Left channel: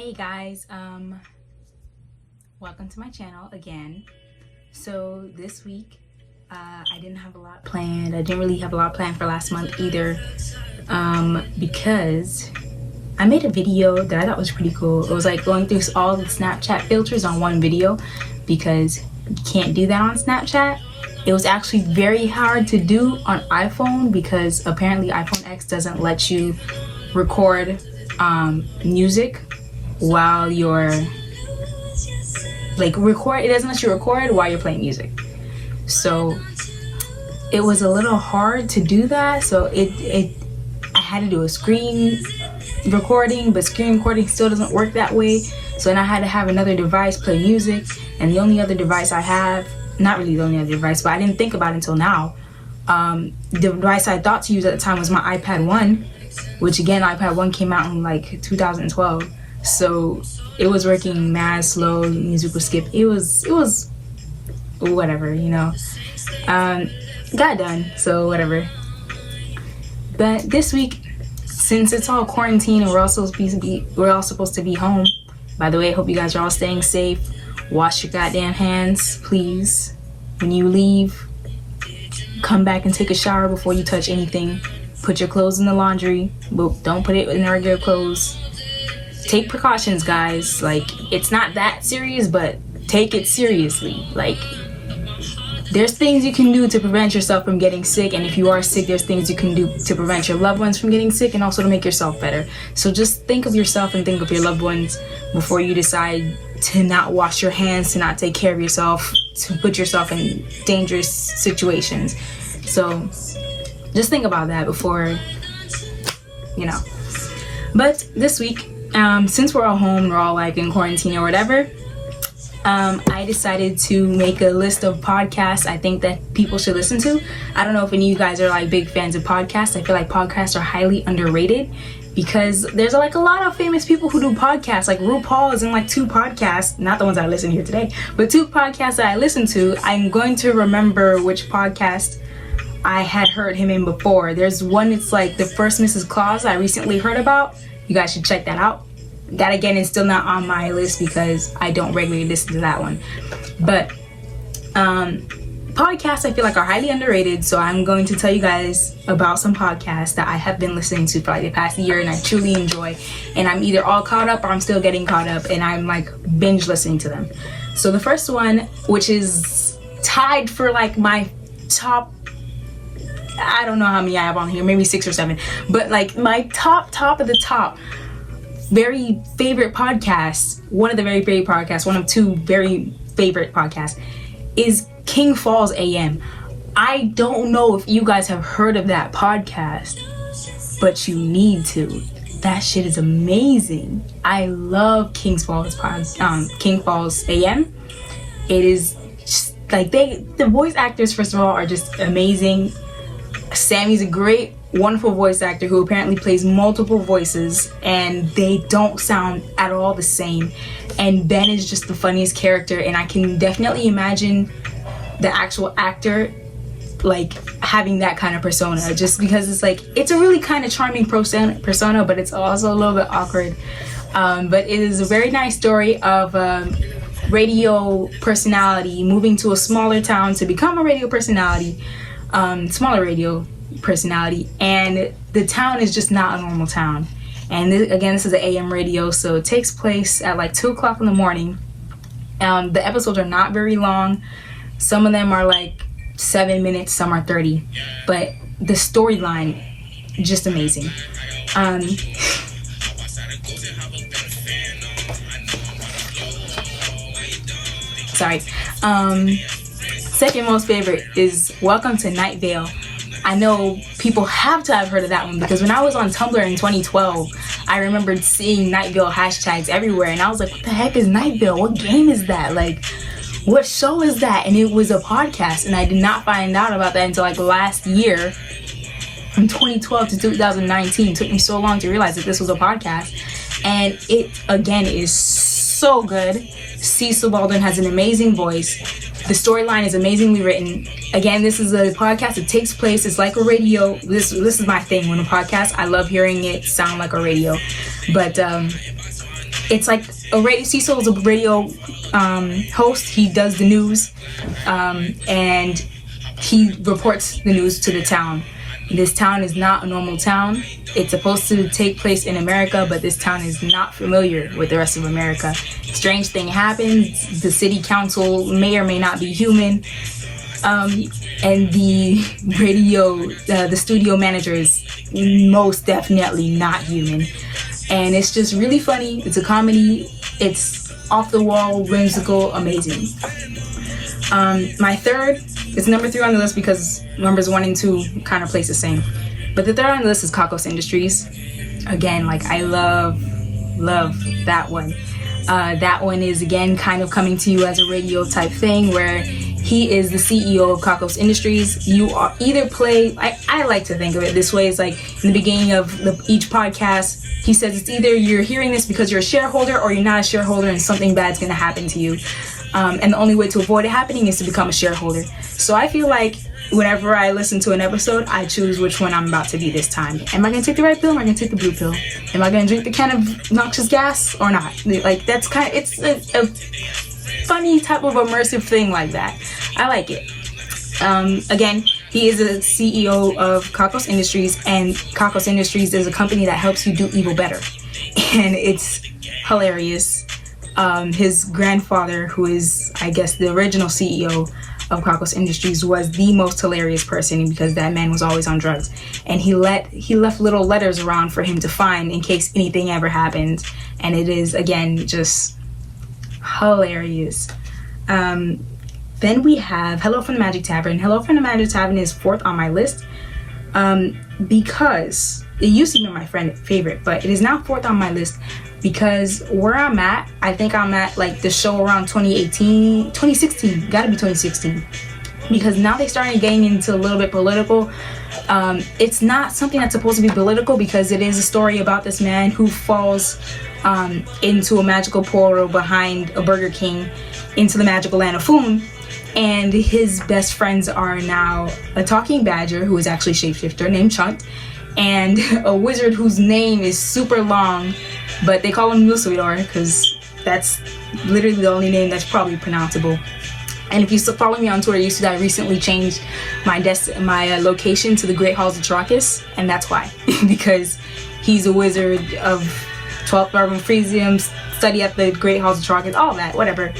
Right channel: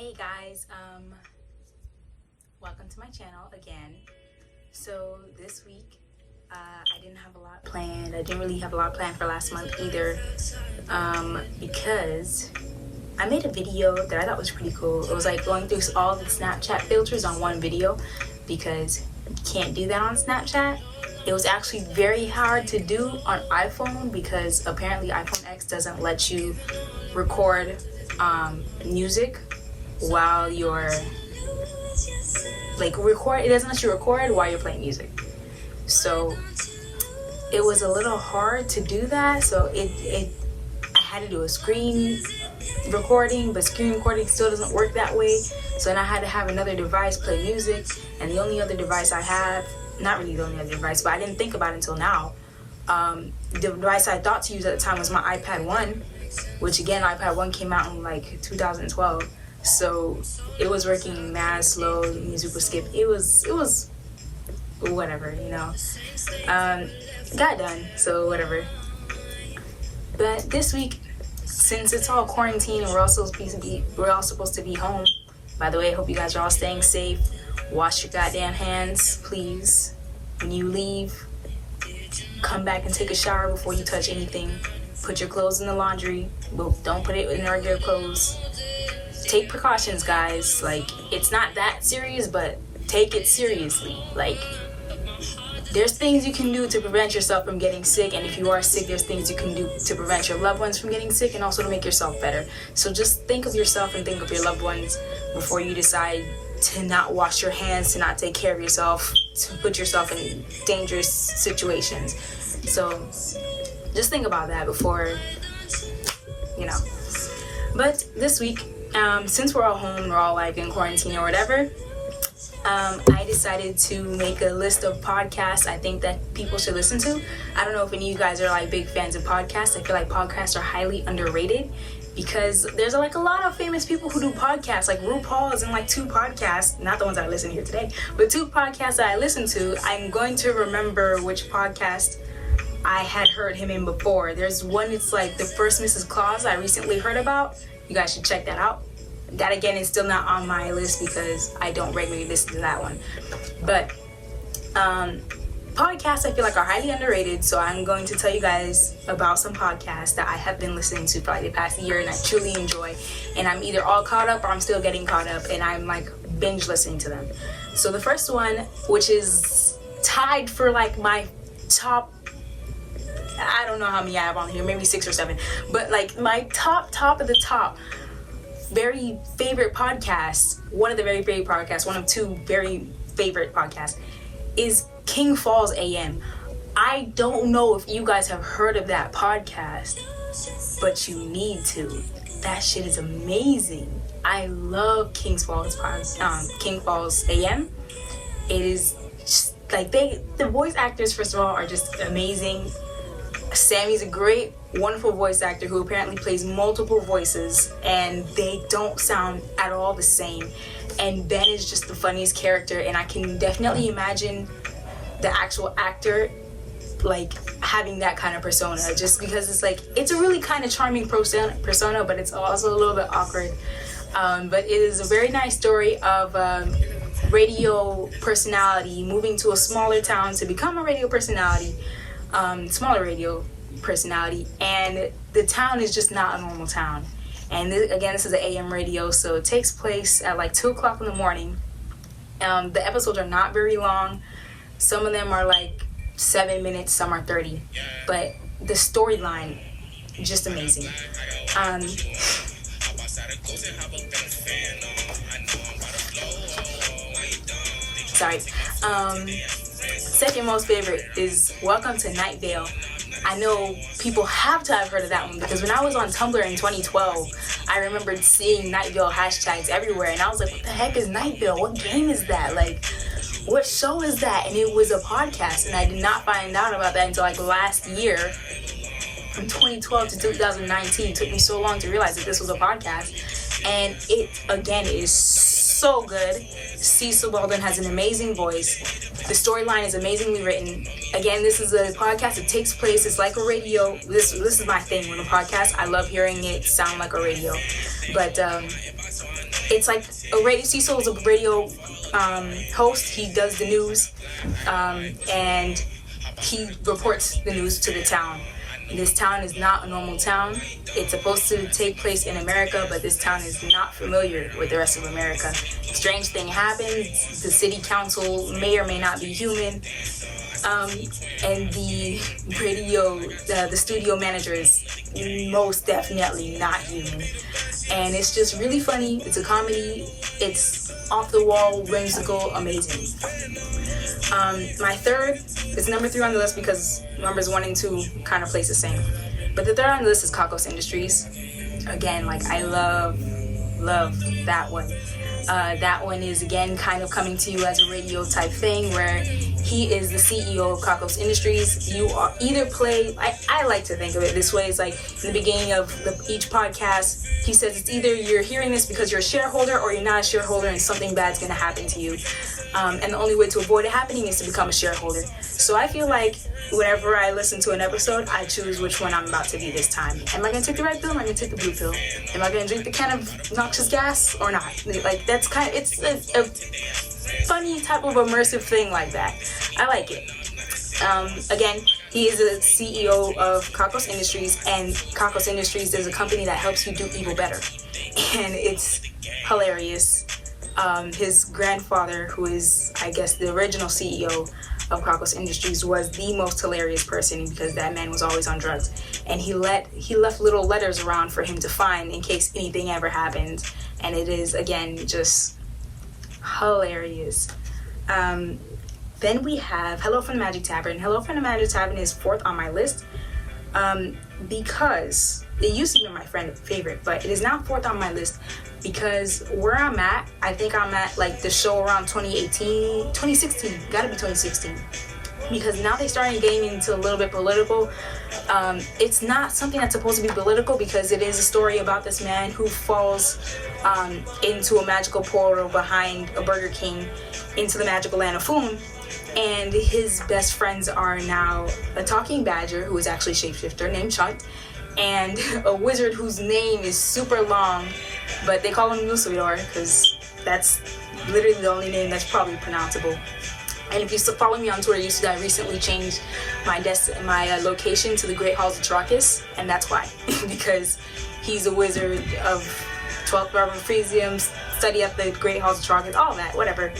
Hey guys, welcome to my channel again. So this week I didn't have a lot planned. I didn't really have a lot planned for last month either, because I made a video that I thought was pretty cool. It was like going through all the Snapchat filters on one video, because you can't do that on Snapchat. It was actually very hard to do on iPhone because apparently iPhone X doesn't let you record music while you're it doesn't let you record while you're playing music. So it was a little hard to do that. So I had to do a screen recording, but screen recording still doesn't work that way. So then I had to have another device play music, and the only other device I have, not really the only other device, but I didn't think about it until now. The device I thought to use at the time was my iPad 1, which again, iPad 1 came out in like 2012. So it was working mad slow, music would skip. It was whatever, you know. Got done, so whatever. But this week, since it's all quarantine and we're all supposed to be home. By the way, I hope you guys are all staying safe. Wash your goddamn hands, please. When you leave, come back and take a shower before you touch anything. Put your clothes in the laundry, but don't put it in regular clothes. Take precautions, guys. Like, it's not that serious, but take it seriously. Like, there's things you can do to prevent yourself from getting sick, and if you are sick, there's things you can do to prevent your loved ones from getting sick and also to make yourself better. So just think of yourself and think of your loved ones before you decide to not wash your hands, to not take care of yourself, to put yourself in dangerous situations. So just think about that before, you know. But this week, since we're all home, we're all like in quarantine or whatever, I decided to make a list of podcasts I think that people should listen to. I don't know if any of you guys are like big fans of podcasts. I feel like podcasts are highly underrated because there's like a lot of famous people who do podcasts. Like RuPaul is in like 2 podcasts, not the ones I listen to here today, but 2 podcasts that I listen to. I'm going to remember which podcast I had heard him in before. There's one, it's like the First Mrs. Claus I recently heard about. You guys should check that out. That again is still not on my list because I don't regularly listen to that one. But podcasts I feel like are highly underrated, so I'm going to tell you guys about some podcasts that I have been listening to for like the past year and I truly enjoy, and I'm either all caught up or I'm still getting caught up and I'm like binge listening to them. So the first one, which is tied for like my top, I don't know how many I have on here, maybe 6 or 7, but like my top of the top very favorite podcasts, one of the very favorite podcasts, one of 2 very favorite podcasts, is King Falls AM. I don't know if you guys have heard of that podcast, but you need to. That shit is amazing. I love King Falls AM. It is just like the voice actors, first of all, are just amazing. Sammy's a great, wonderful voice actor who apparently plays multiple voices, and they don't sound at all the same. And Ben is just the funniest character, and I can definitely imagine the actual actor like having that kind of persona, just because it's like, it's a really kind of charming persona, but it's also a little bit awkward. But it is a very nice story of radio personality moving to a smaller town to become a radio personality. Smaller radio personality, and the town is just not a normal town. And again, this is an AM radio, so it takes place at like 2 o'clock in the morning. The episodes are not very long. Some of them are like 7 minutes, some are 30, but the storyline, just amazing. Sorry. Second most favorite is Welcome to Night Vale. I know people have to have heard of that one because when I was on Tumblr in 2012, I remembered seeing Night Vale hashtags everywhere, and I was like, what the heck is Night Vale? What game is that? Like, what show is that? And it was a podcast, and I did not find out about that until like last year. From 2012 to 2019, it took me so long to realize that this was a podcast. And it, again, is so good. Cecil Baldwin has an amazing voice. The storyline is amazingly written. Again, this is a podcast that takes place, it's like a radio. This is my thing when a podcast, I love hearing it sound like a radio. But it's like Cecil is a radio host. He does the news, and he reports the news to the town. This town is not a normal town. It's supposed to take place in America, but this town is not familiar with the rest of America. Strange thing happens. The city council may or may not be human. And the the studio manager is most definitely not human. And it's just really funny. It's a comedy. It's off the wall, whimsical, amazing. My third is number 3 on the list because numbers 1 and 2 kind of place the same. But the third on the list is Caucus Industries. Again, like, I love that one. That one is, again, kind of coming to you as a radio type thing where he is the CEO of Caucus Industries. You are either play, I like to think of it this way. It's like in the beginning of each podcast, he says it's either you're hearing this because you're a shareholder or you're not a shareholder and something bad's going to happen to you. And the only way to avoid it happening is to become a shareholder. So I feel like whenever I listen to an episode, I choose which one I'm about to be this time. Am I going to take the red pill or am I going to take the blue pill? Am I going to drink the can of noxious gas or not? Like, that's kind of, it's a funny type of immersive thing like that. I like it. Again, he is a CEO of Caucus Industries, and Caucus Industries is a company that helps you do evil better. And it's hilarious. His grandfather, who is, I guess, the original CEO of Caucus Industries, was the most hilarious person because that man was always on drugs. And he left little letters around for him to find in case anything ever happens. And it is, again, just hilarious. Then we have Hello from the Magic Tavern. Hello from the Magic Tavern is 4th on my list because it used to be my favorite, but it is now 4th on my list because where I'm at, I think I'm at like the show around 2016, gotta be 2016, because now they started getting into a little bit political. It's not something that's supposed to be political because it is a story about this man who falls into a magical portal behind a Burger King into the magical land of Foon. And his best friends are now a talking badger who is actually a shapeshifter named Chunt, and a wizard whose name is super long, but they call him Lucidor because that's literally the only name that's probably pronounceable. And if you follow me on Twitter, you see that I recently changed my location to the Great Halls of Caucus, and that's why. Because he's a wizard of 12th Urban Frisium, study at the Great Halls of Caucus, all that, whatever.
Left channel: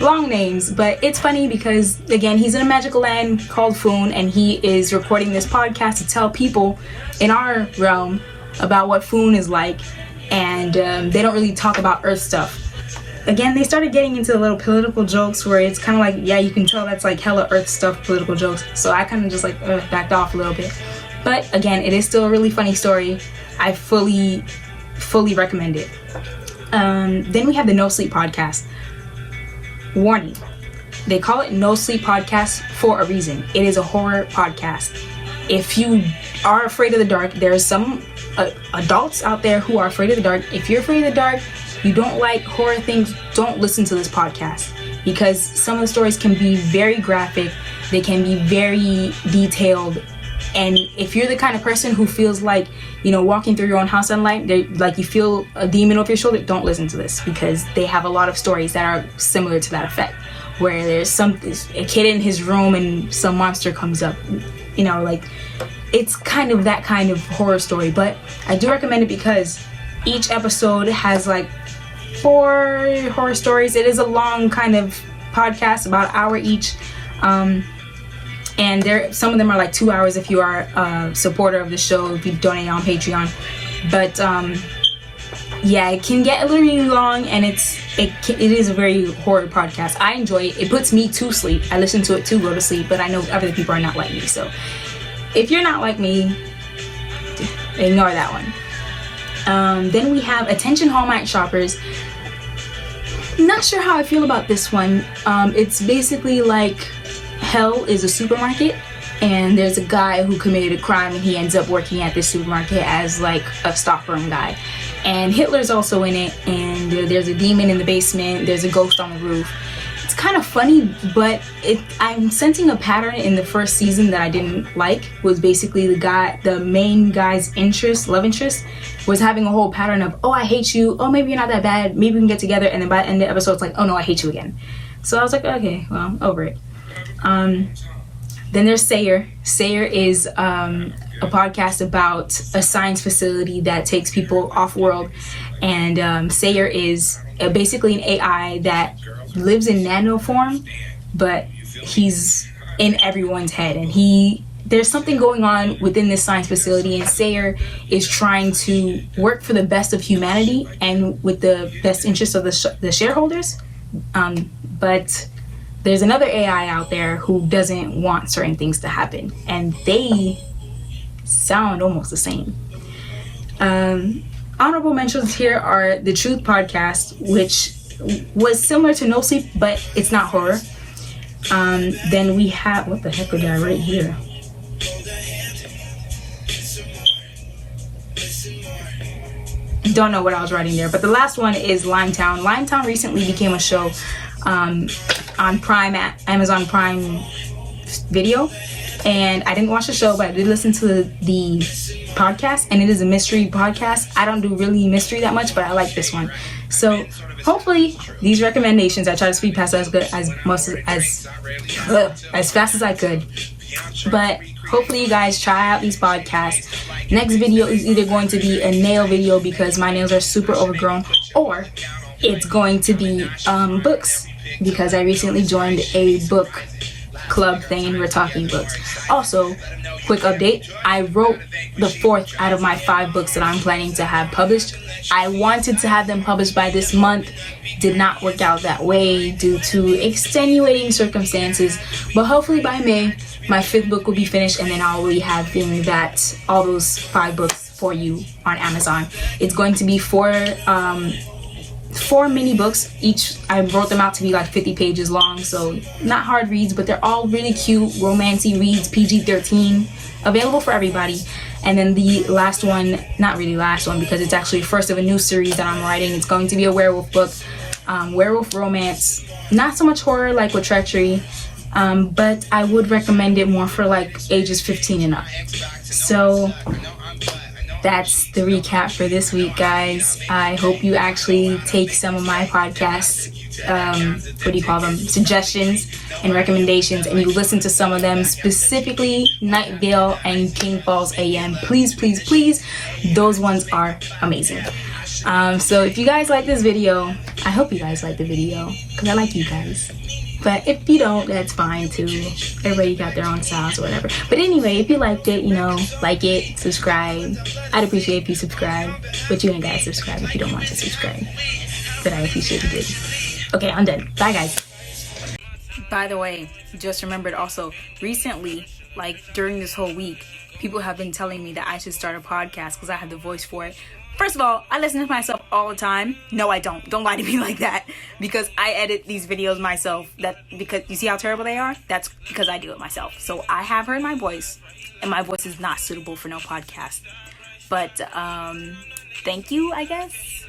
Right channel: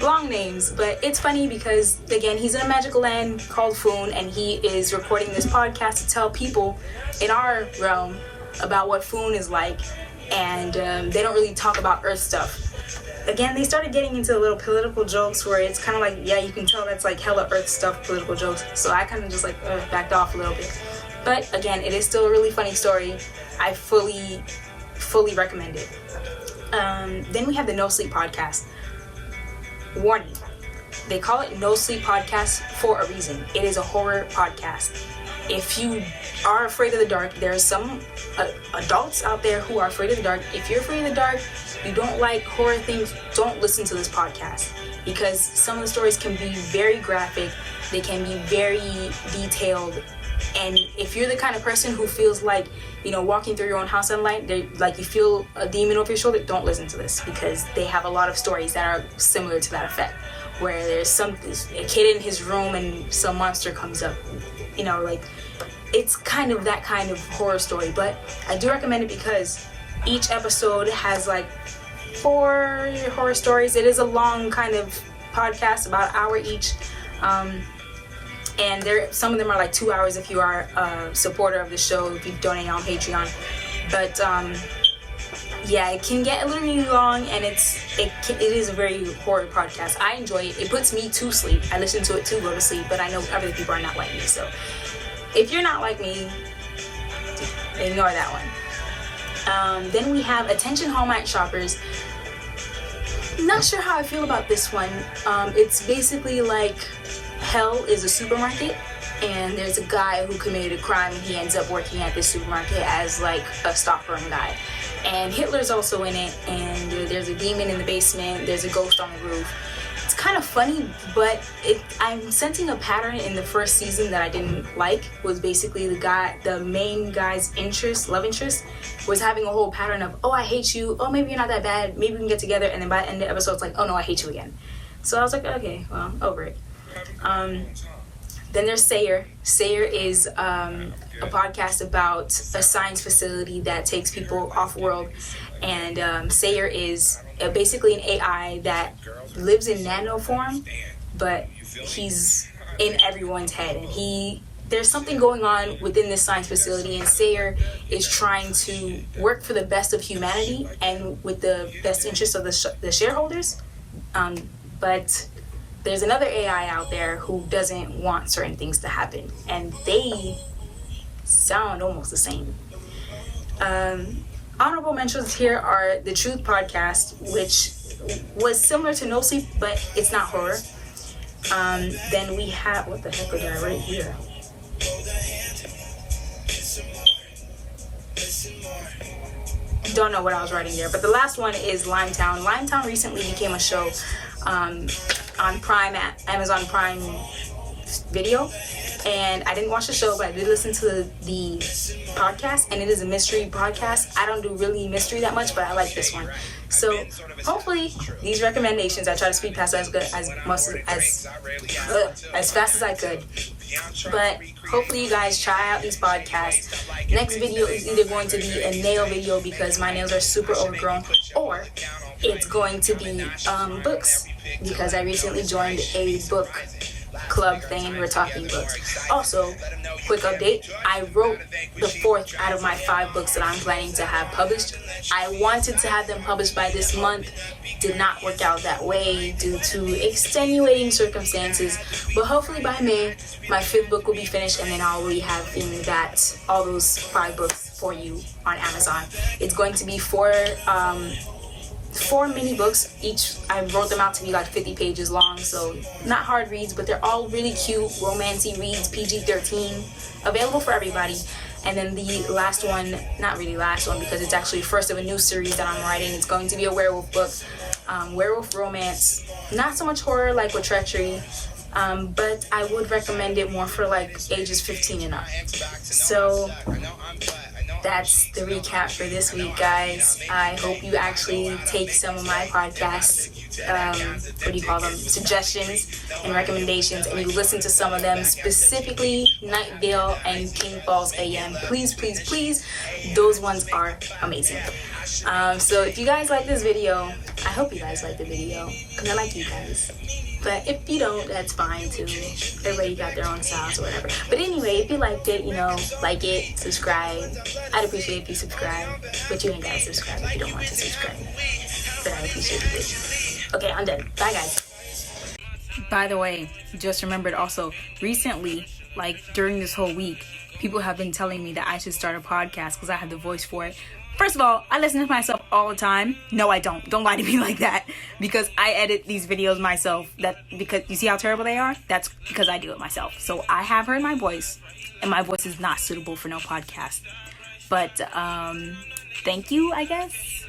Long names, but it's funny because, again, he's in a magical land called Foon, and he is recording this podcast to tell people in our realm about what Foon is like, and they don't really talk about Earth stuff. Again, they started getting into little political jokes where it's kind of like, yeah, you can tell that's like hella Earth stuff, political jokes, so I kind of just like backed off a little bit. But again, it is still a really funny story. I fully recommend it. Then we have the No Sleep Podcast. Warning, they call it No Sleep Podcast for a reason. It is a horror podcast. If you are afraid of the dark, there's some adults out there who are afraid of the dark. If you're afraid of the dark, you don't like horror things, don't listen to this podcast because some of the stories can be very graphic, they can be very detailed, and if you're the kind of person who feels like, you know, walking through your own house at night, like you feel a demon over your shoulder, don't listen to this because they have a lot of stories that are similar to that effect, where there's a kid in his room and some monster comes up, you know, like it's kind of that kind of horror story. But I do recommend it because each episode has like 4 horror stories. It is a long kind of podcast, about an hour each. And some of them are like 2 hours if you are a supporter of the show, if you donate on Patreon. But yeah, it can get a little really long, and it is a very horror podcast. I enjoy it. It puts me to sleep. I listen to it to go to sleep, but I know other people are not like me. So if you're not like me, ignore that one. Then we have Attention Hallmark Shoppers. Not sure how I feel about this one. It's basically like Hell is a supermarket, and there's a guy who committed a crime, and he ends up working at this supermarket as like a stockroom guy. And Hitler's also in it, and there's a demon in the basement, there's a ghost on the roof. It's it's kind of funny, but I'm sensing a pattern in the first season that I didn't like. Was basically the main guy's love interest, was having a whole pattern of, oh, I hate you, oh, maybe you're not that bad, maybe we can get together, and then by the end of the episode it's like, oh no, I hate you again. So I was like, okay, well, over it. Then there's Sayer. Sayer is a podcast about a science facility that takes people off world, and Sayer is basically an AI that lives in nano form, but he's in everyone's head, and there's something going on within this science facility, and Sayer is trying to work for the best of humanity and with the best interest of the shareholders, but there's another AI out there who doesn't want certain things to happen, and they sound almost the same. Honorable mentions here are the Truth podcast, which was similar to No Sleep, but it's not horror. Then we have, what the heck did I write here? Don't know what I was writing there, but the last one is Limetown. Limetown recently became a show on Prime, at Amazon Prime Video, and I didn't watch the show, but I did listen to the podcast, and it is a mystery podcast. I don't do really mystery that much, but I like this one. So hopefully these recommendations, I try to speed past as fast as I could, but hopefully you guys try out these podcasts. Next video is either going to be a nail video because my nails are super overgrown, or it's going to be books, because I recently joined a book club thing and we're talking books. Also, quick update, I wrote the 4th out of my 5 books that I'm planning to have published. I wanted to have them published by this month, did not work out that way due to extenuating circumstances, but hopefully by May my 5th book will be finished, and then I'll be having all those 5 books for you on Amazon. It's going to be 4 mini books each. I wrote them out to be like 50 pages long, so not hard reads, but they're all really cute romancy reads, PG-13, available for everybody. And then the last one, not really last one because it's actually first of a new series that I'm writing, it's going to be a werewolf book, werewolf romance, not so much horror like with Treachery, but I would recommend it more for like ages 15 and up. So that's the recap for this week, guys. I hope you actually take some of my podcasts, suggestions and recommendations, and you listen to some of them, specifically Night Vale and King Falls AM. Please, please, please, those ones are amazing. So if you guys like this video, I hope you guys like the video, because I like you guys. But if you don't, that's fine too. Everybody got their own styles or whatever. But anyway, if you liked it, like it, subscribe. I'd appreciate if you subscribe. But you ain't gotta subscribe if you don't want to subscribe. But I appreciate it. Okay, I'm done. Bye, guys. By the way, just remembered also, recently, like during this whole week, people have been telling me that I should start a podcast because I have the voice for it. First of all, I listen to myself all the time. No, I don't. Don't lie to me like that. Because I edit these videos myself. Because you see how terrible they are? That's because I do it myself. So I have heard my voice. And my voice is not suitable for no podcast. But, thank you, I guess.